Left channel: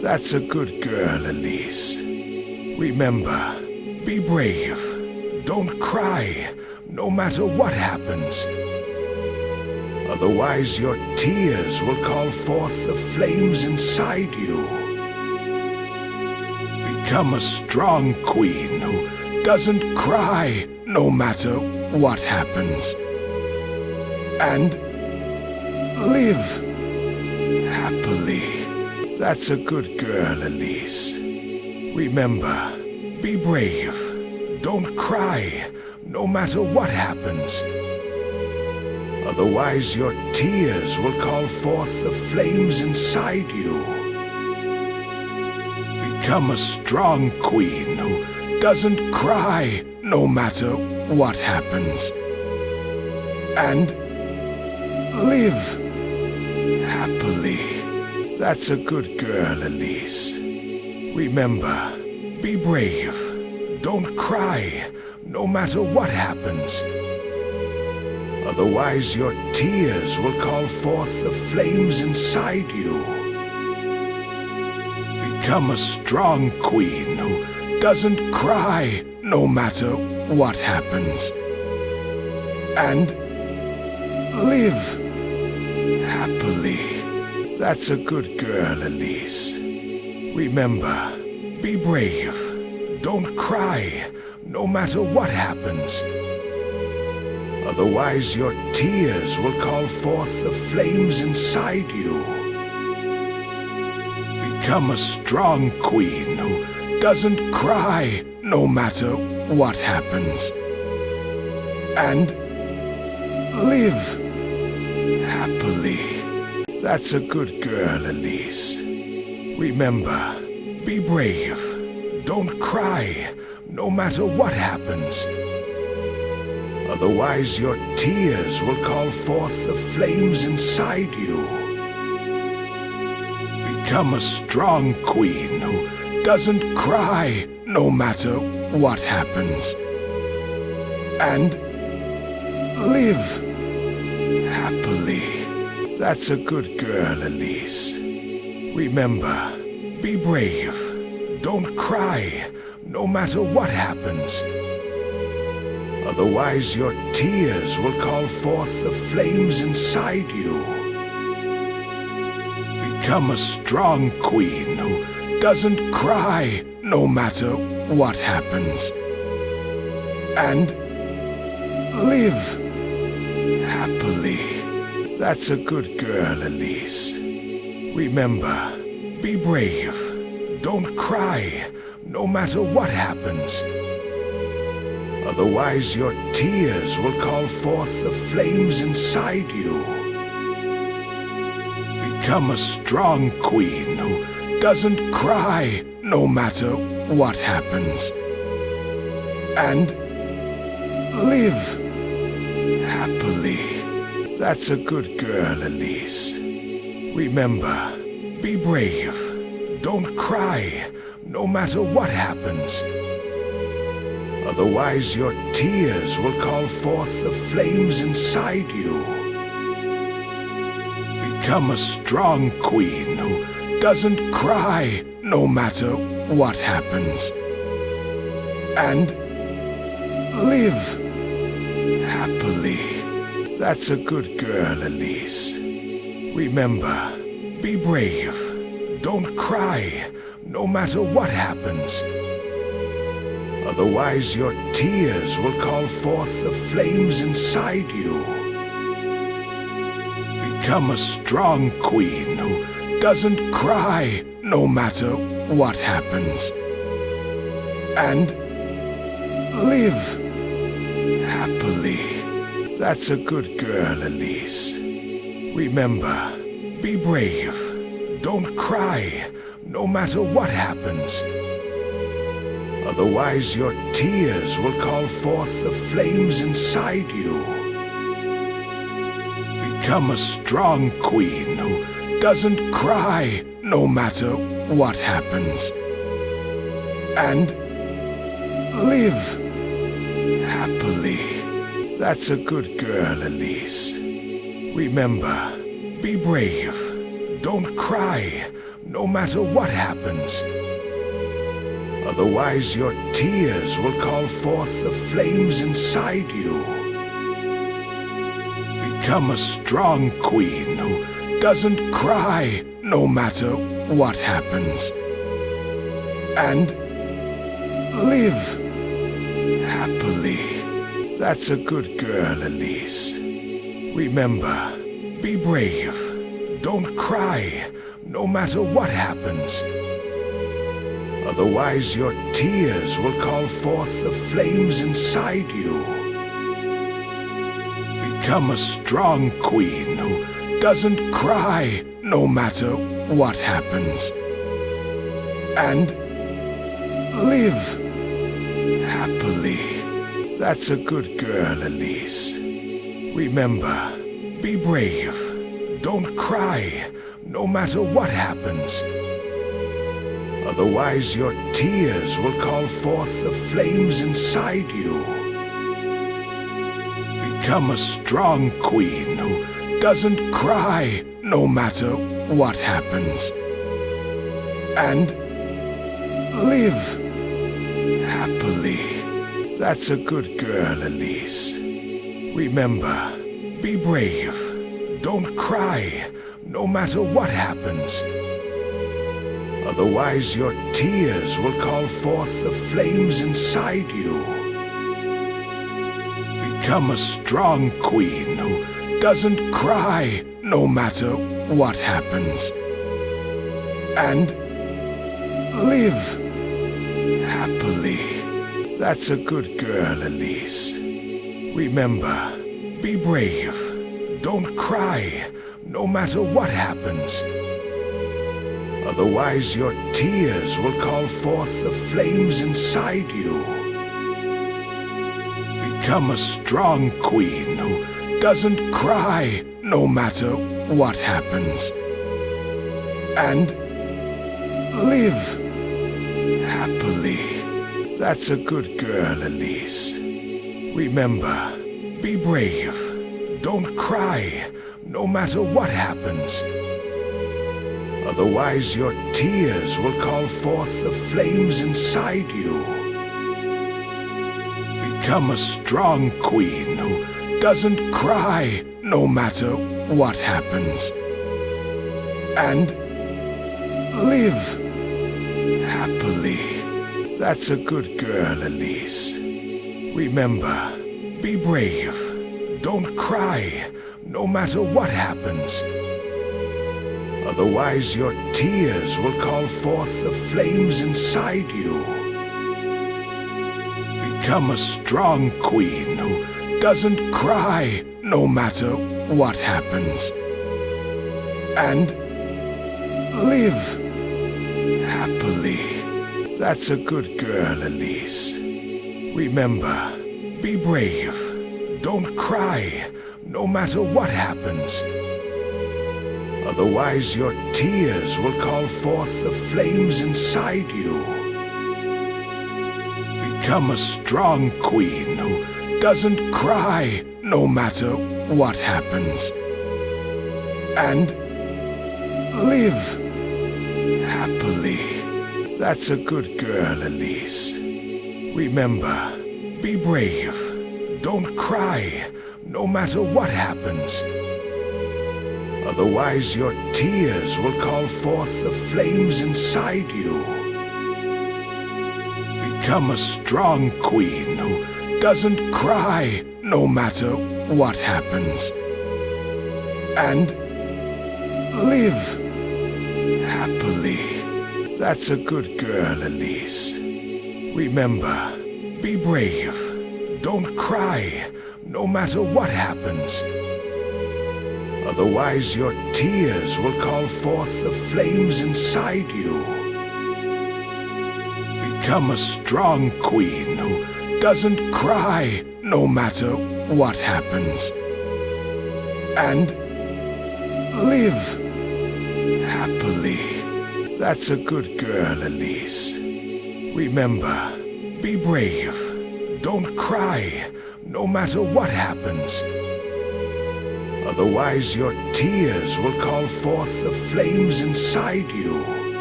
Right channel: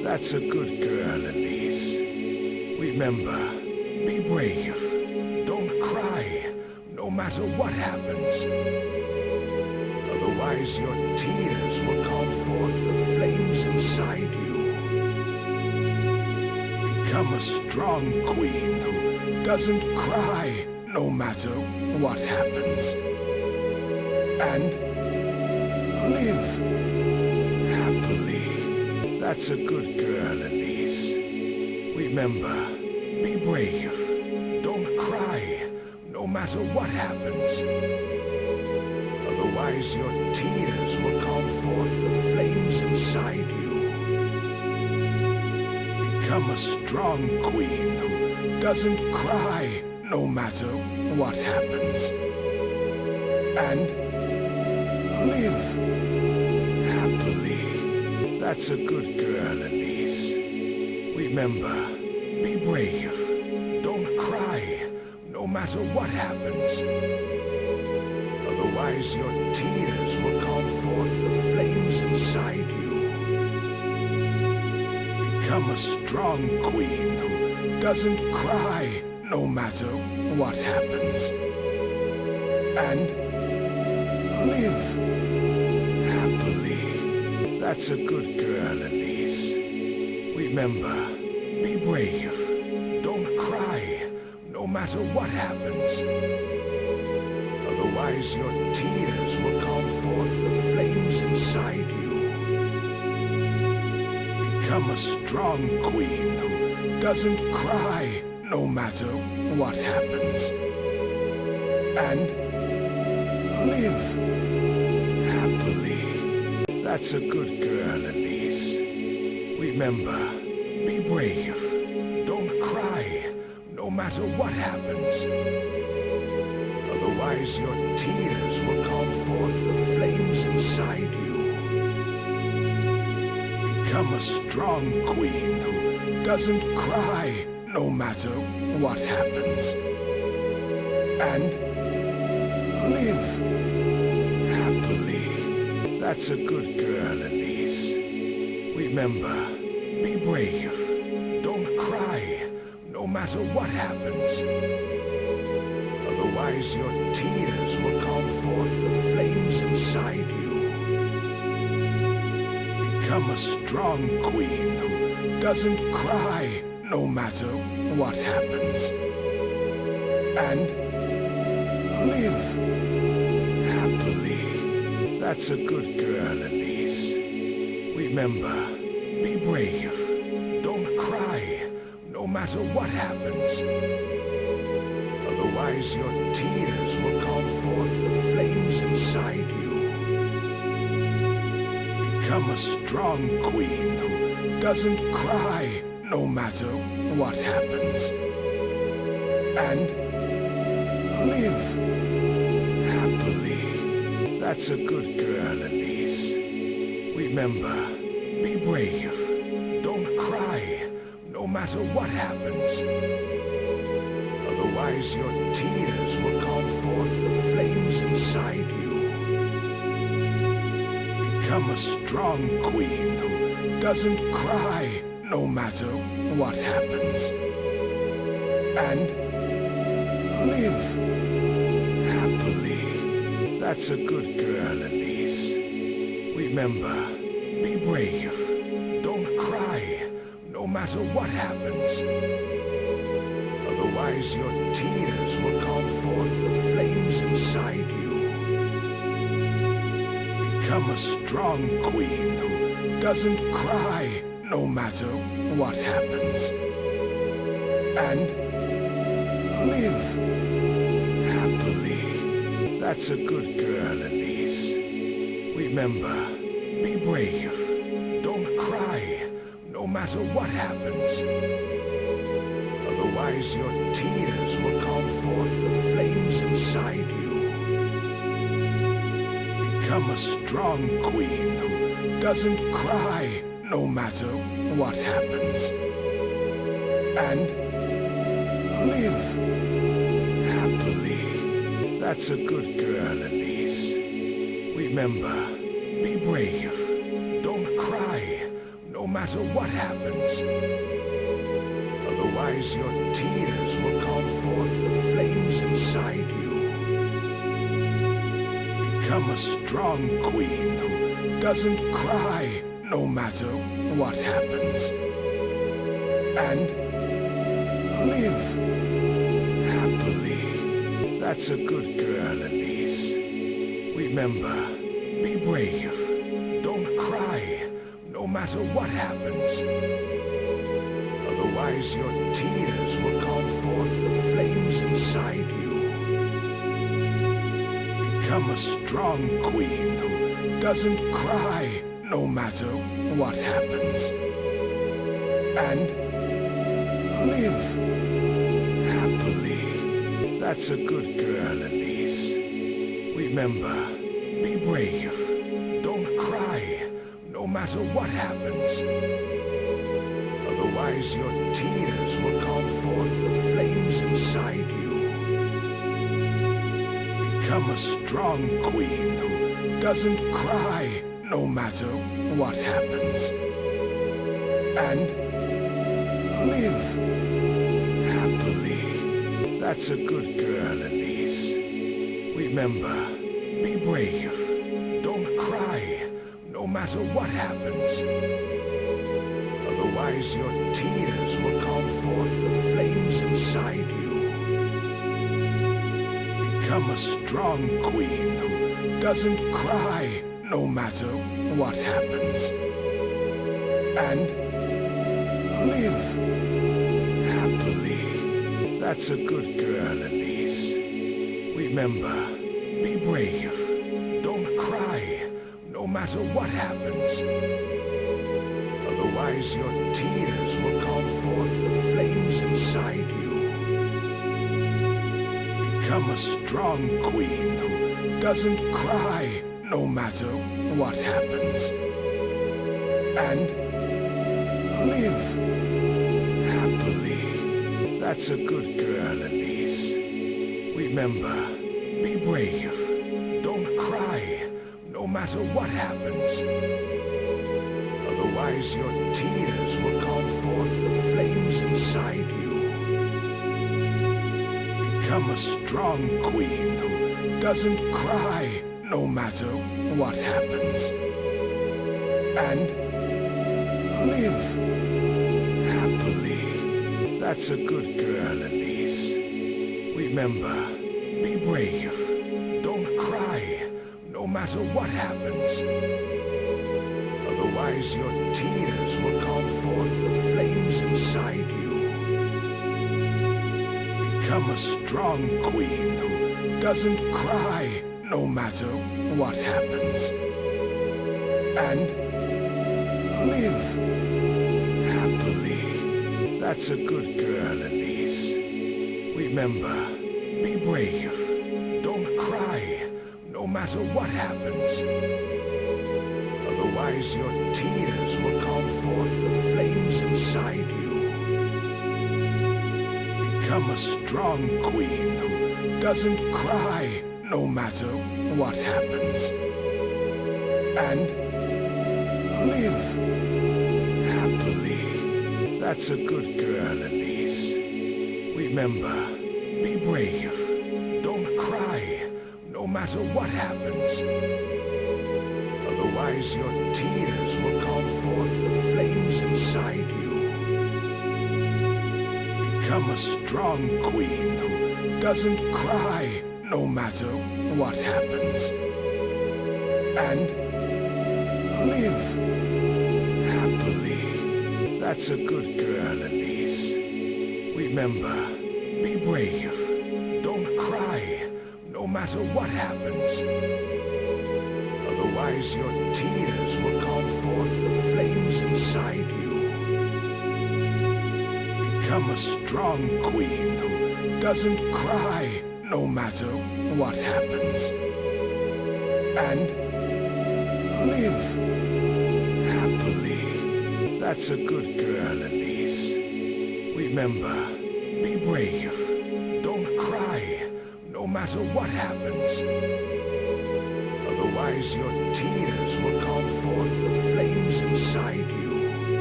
That's a good girl, Elise. Remember, be brave. Don't cry, no matter what happens. Otherwise, your tears will call forth the flames inside you. Become a strong queen who doesn't cry, no matter what happens. And live happily. That's a good girl, Elise. Remember, be brave. Don't cry, no matter what happens. Otherwise, your tears will call forth the flames inside you. Become a strong queen who doesn't cry, no matter what happens. And live happily. That's a good girl, Elise. Remember, be brave. Don't cry, no matter what happens. Otherwise, your tears will call forth the flames inside you. Become a strong queen who doesn't cry, no matter what happens. And live happily. That's a good girl, Elise. Remember, be brave. Don't cry, no matter what happens. Otherwise, your tears will call forth the flames inside you. Become a strong queen who doesn't cry, no matter what happens. And live happily. That's a good girl, Elise. Remember, be brave. Don't cry, no matter what happens. Otherwise, your tears will call forth the flames inside you. Become a strong queen who doesn't cry, no matter what happens. And live happily. That's a good girl, Elise. Remember, be brave. Don't cry, no matter what happens. Otherwise, your tears will call forth the flames inside you. Become a strong queen who doesn't cry, no matter what happens. And live happily. That's a good girl, Elise. Remember, be brave. Don't cry, no matter what happens. Otherwise, your tears will call forth the flames inside you. Become a strong queen who doesn't cry, no matter what happens. And live happily. That's a good girl, Elise. Remember, be brave. Don't cry, no matter what happens. Otherwise, your tears will call forth the flames inside you. Become a strong queen who doesn't cry, no matter what happens. And live happily. That's a good girl, Elise. Remember, be brave. Don't cry, no matter what happens. Otherwise, your tears will call forth the flames inside you. Become a strong queen who doesn't cry, no matter what happens. And live happily. That's a good girl, Elise. Remember, be brave. Don't cry, no matter what happens. Otherwise, your tears will call forth the flames inside you. Become a strong queen who doesn't cry, no matter what happens. And live happily. That's a good girl, Elise. Remember, be brave. Don't cry, no matter what happens. Otherwise, your tears will call forth the flames inside you. Become a strong queen who doesn't cry no matter what happens. And live happily. That's a good girl, Elise. Remember, be brave. Don't cry, no matter what happens. Otherwise, your tears will call forth the flames inside you. Become a strong queen who doesn't cry, no matter what happens. And live happily. That's a good girl, Elise. Remember, be brave. Don't cry, no matter what happens. Otherwise, your tears will call forth the flames inside you. Become a strong queen who doesn't cry, no matter what happens. And live happily. That's a good girl, Elise. Remember, be brave. Don't cry, no matter what happens. Otherwise, your tears will call forth the flames inside you. Become a strong queen who doesn't cry, no matter what happens. And live happily. That's a good girl, Elise. Remember, be brave. Don't cry, no matter what happens. Otherwise, your tears will call forth the flames inside you. Become a strong queen who doesn't cry, no matter what happens. And live happily. That's a good girl, Elise. Remember, be brave. Don't cry, no matter what happens. Otherwise, your tears will call forth the flames inside you. Become a strong queen who doesn't cry, no matter what happens. And live happily. That's a good girl, Elise. Remember, be brave. Don't cry, no matter what happens. Otherwise, your tears will call forth the flames inside you. Become a strong queen who doesn't cry, no matter what happens. And live happily. That's a good girl, Elise. Remember, be brave. Don't cry, no matter what happens. Otherwise, your tears will call forth the flames inside you. Become a strong queen who doesn't cry, no matter what happens. And live happily. That's a good girl, Elise. Remember, be brave. Don't cry, no matter what happens. Otherwise, your tears will call forth the flames inside you. Become a strong queen who doesn't cry, no matter what happens. And live happily. That's a good girl, Elise. Remember, be brave. Don't cry, no matter what happens. Otherwise, your tears will call forth the flames inside you. Become a strong queen who doesn't cry, no matter what happens. And live happily. That's a good girl, Elise. Remember, be brave. Don't cry, no matter what happens. Otherwise, your tears will call forth the flames inside you.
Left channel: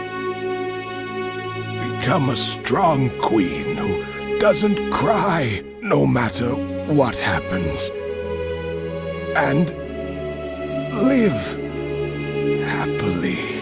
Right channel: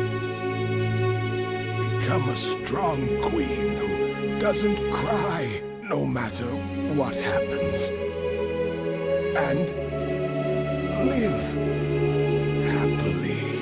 become a strong queen who doesn't cry no matter what happens. And live happily